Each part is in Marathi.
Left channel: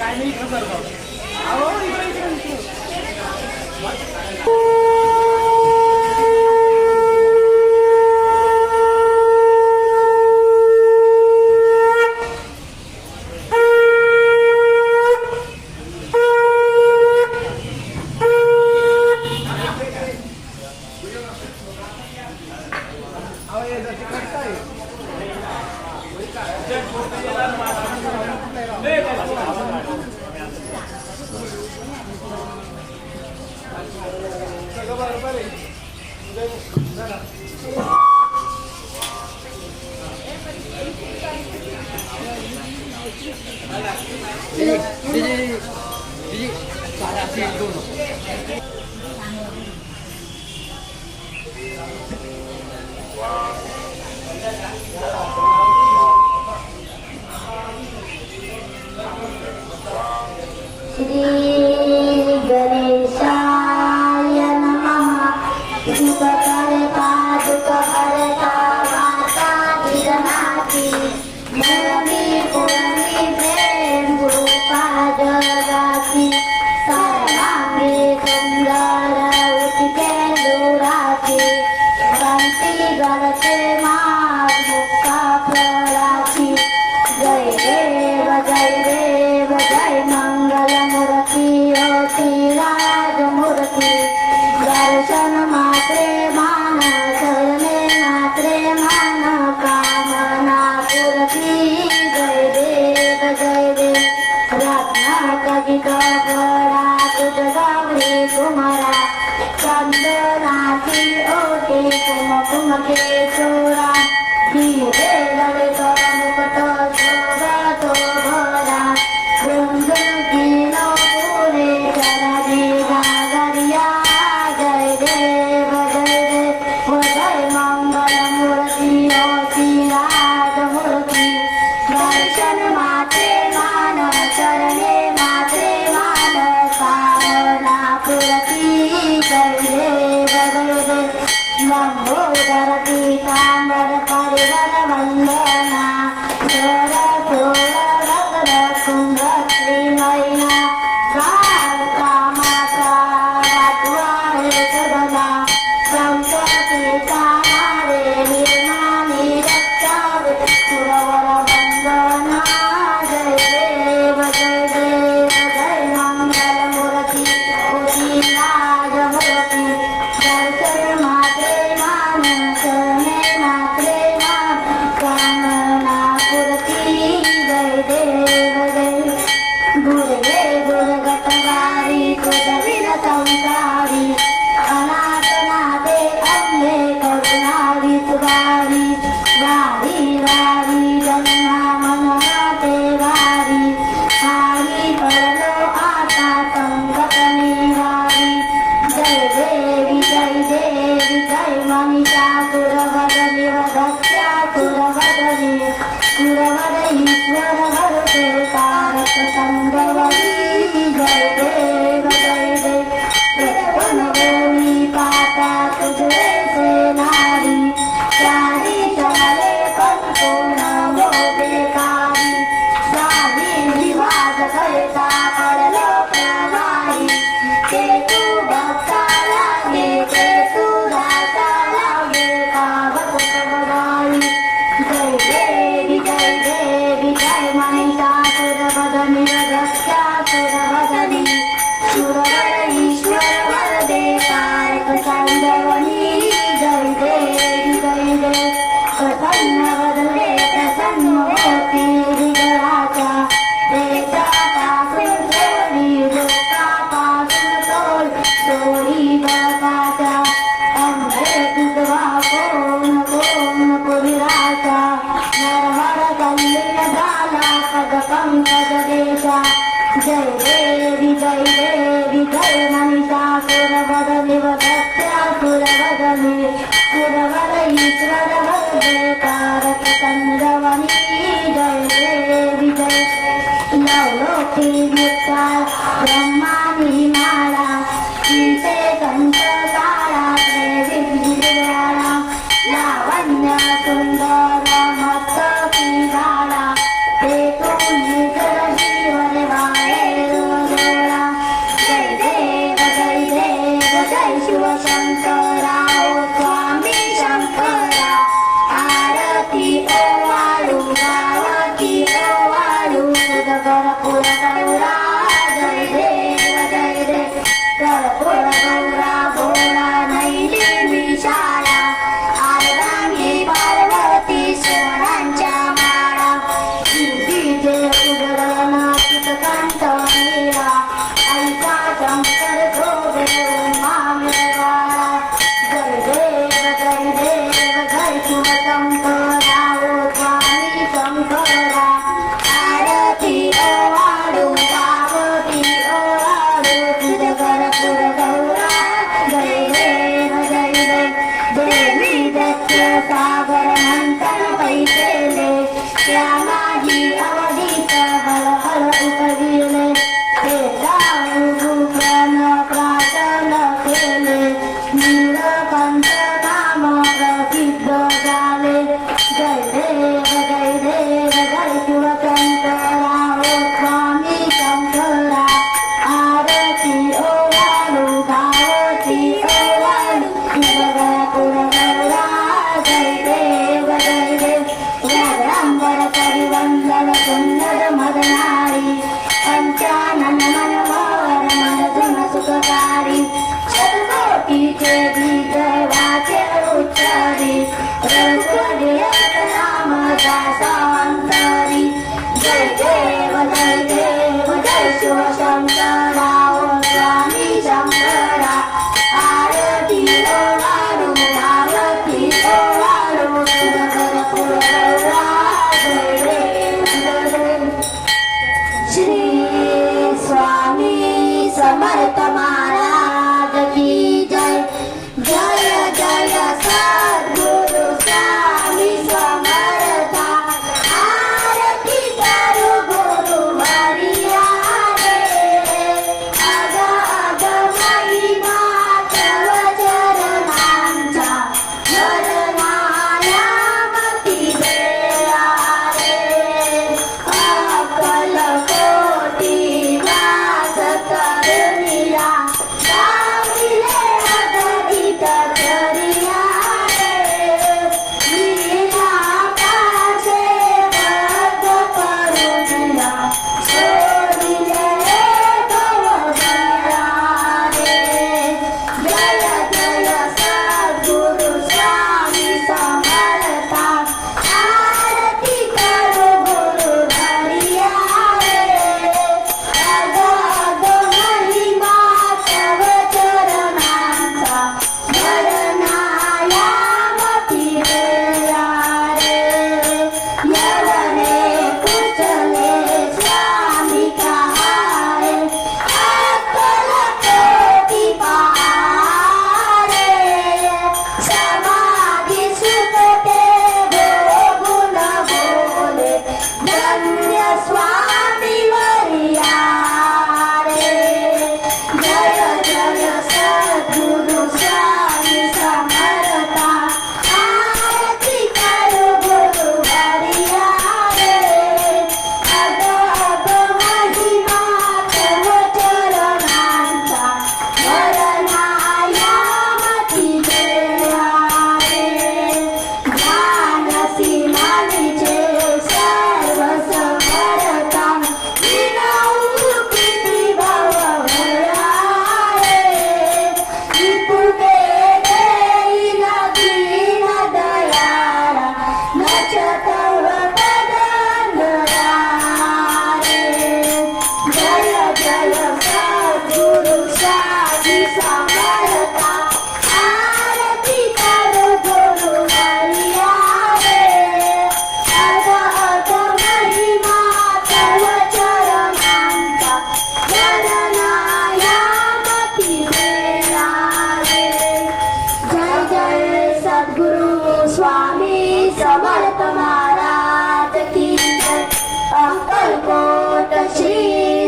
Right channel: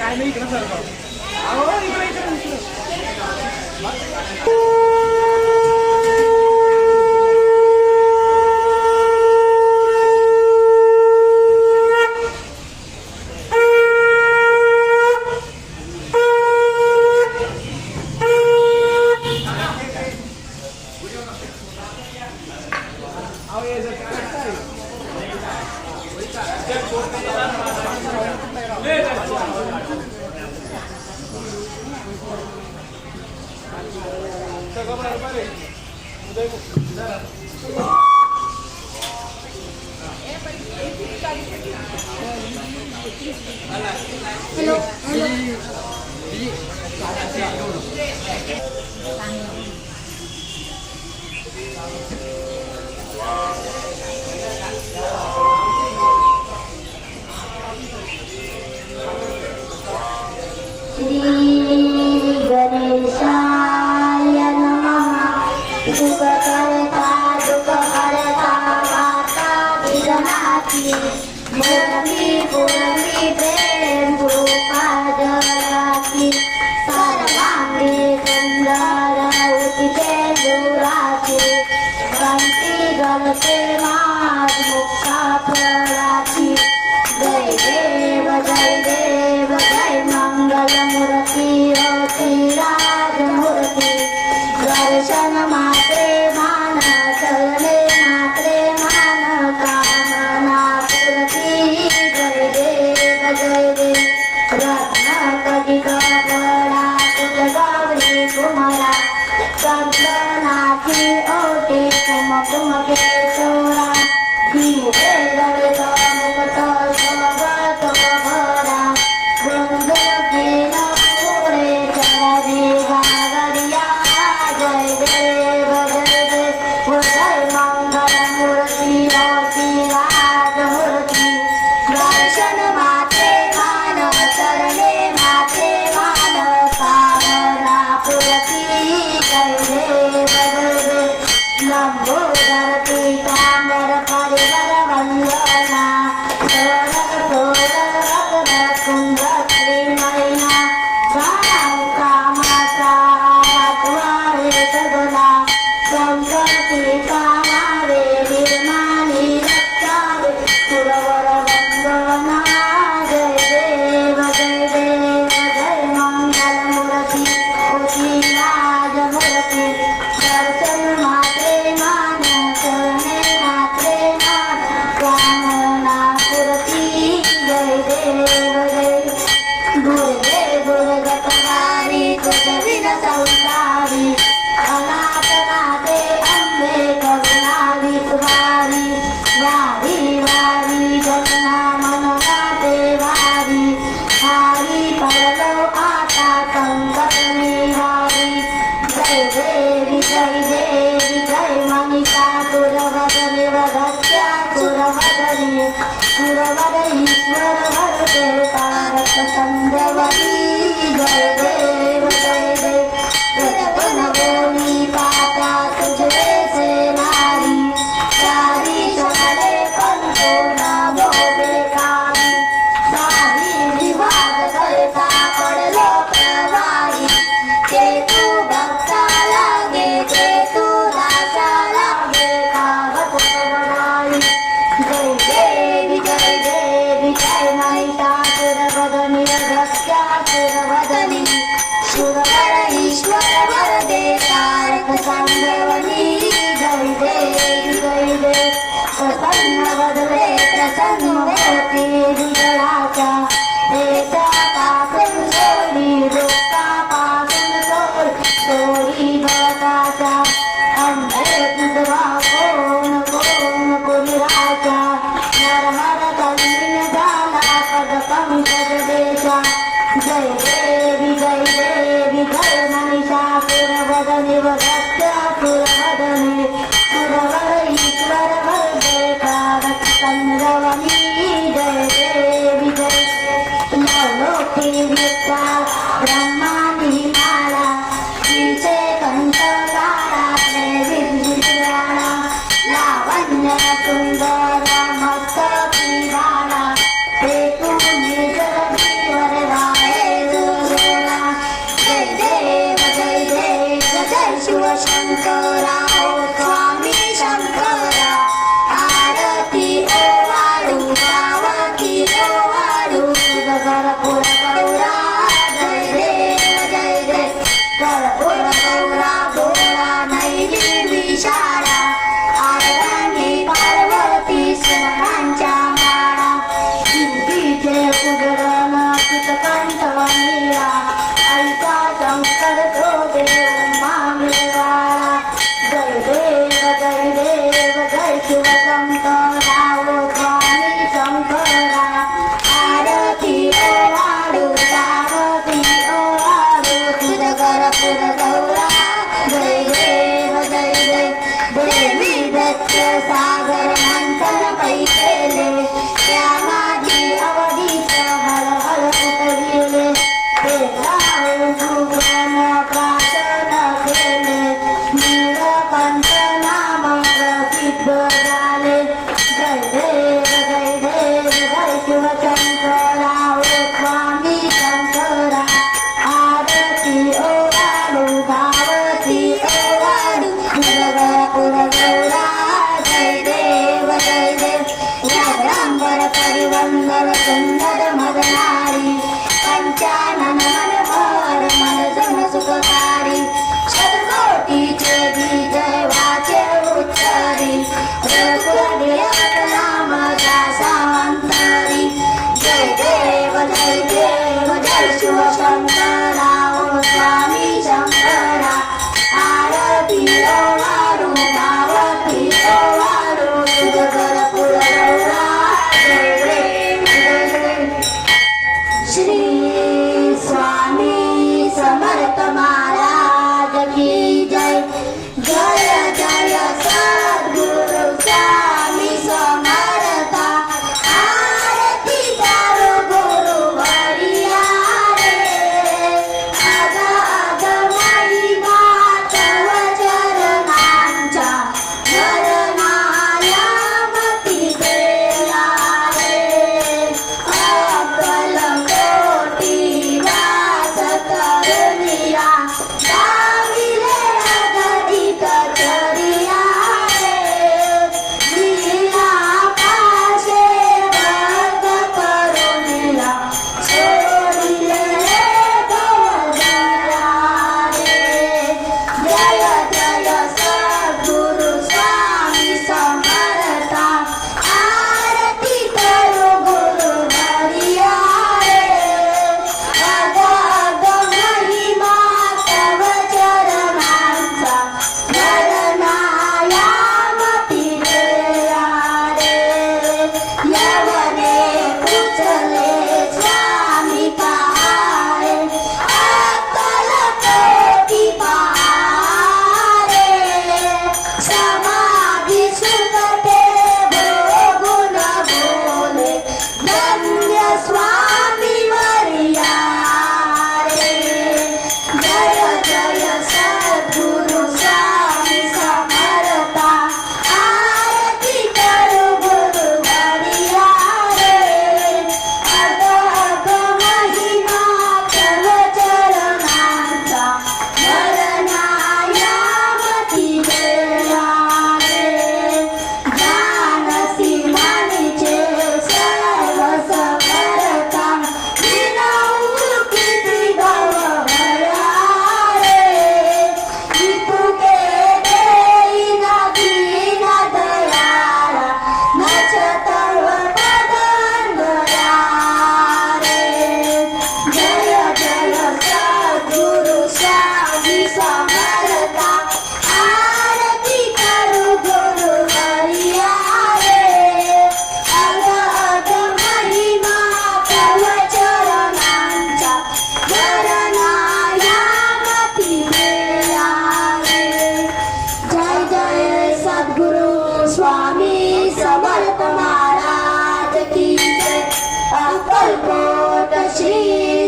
काय नाही कामना पुरती जय वदने वदत्या सुरवदने सुरवद ईश्वर वरदे तारक संगवती जय देव बोली पाता तुझे से नारी सारी चले पंतो नामो बेकारी सारी विवाद करता पडलो प्रवाही ते तू भक्ता लागे ते तू दासा लागे कावत समदाई जय देवी जय महिषासुरवदनी वदत्यासुरवदनी सुरवर ईश्वर वरदे तारक सांगवनी जय देव प्रसन्न वदले प्रसन्न होती बिघडाचा त्याचा पासून सोडी रोगता पासून सोडी बळकाचा अंधे विधवा कोण पुरुराचा नरहर कल्लीन झाला पद पंकज देशा जय देवी जय महिषासुरवदने वदत्यासुरवदने सुरवर ईश्वर वरदे तारक संगवनी जय देवी नवलोकी विचार ब्रह्मादी माळा तिचे कंठ काळा विद्याळा लावण्य सुंदर मस्तकी बाळा ते तुम्ही जीवन वाळे रोजोळा जय देव जय शिवशंकरा ओ स्वामी शंकरा आरती ओवाळू पावती ओवाळू कर्पूर गौरा जय देव कर्पूर गौरा भोळा नैली विशाला आरवाणी पार्वती सोनांच्या माळा जय कुडळना चितकंठ नीळा ऐका शंकर तो मामिरवाळा जय देव जय शिवशंकरा ओ स्वामी शंकरा आरती ओवाळू पावती ओवाळू कर्पूर गौरा जय देव देवी दत्त सागर मंथन पैसेले त्या माझी अवधीत हळहळ उकळले ते भूषण प्राशन केले नीलकंठ नाम प्रसिद्ध झाले जय देव जय शिवशंकरा ओ स्वामी शंकरा आरती ओवाळू भावती ओवाळू कर्पूर गौरा जय देव व्याघ्रांबर परिवंदन सुंदर मदनारी पंचानन मनोहर मनसुन सुखकारी शतकोटीचे बीज वाचे उच्चरी रघुकुलदेव नाम दासांतरी जय देव जय शिवशंकरा ओ स्वामी शंकरा आरती ओवाळू पावती ओवाळू कर्पूर गौरा जय देव श्री स्वामी समर्थ महाराज की जय जय जय सद्गुरु स्वामी समर्था आरती करो गुरु हरिया रे अग अग महिमा तव चरणांचा वरनायाम सर्व पदंडरा रे. जय जय सद्गुरु स्वामी समर्था, आरती करू गुरु हरिया रे. अर्ध अर्ध महिमा तव चरणांचा, गणनायामती वेळा रे. जय जय सद्गुरु स्वामी समर्थ महाराज की जय. अक्कलकोट श्री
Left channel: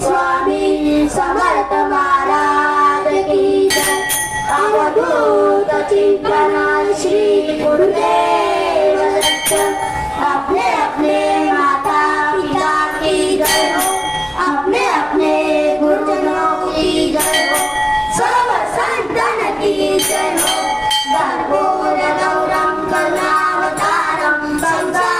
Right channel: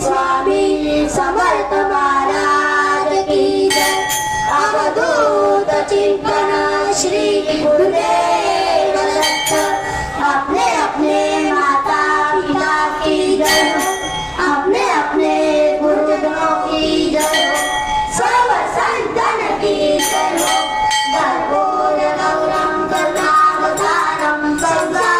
स्वामी समर्थ महाराज की जय. अवधूत चिंतन श्री गुरुदेव दत्त. अपने अपने माता पिता की जय हो, अपने अपने गुरुजनों की जय हो, सर्व संतन की जय हो. कर्पूर गौरम करुणावतारम संघा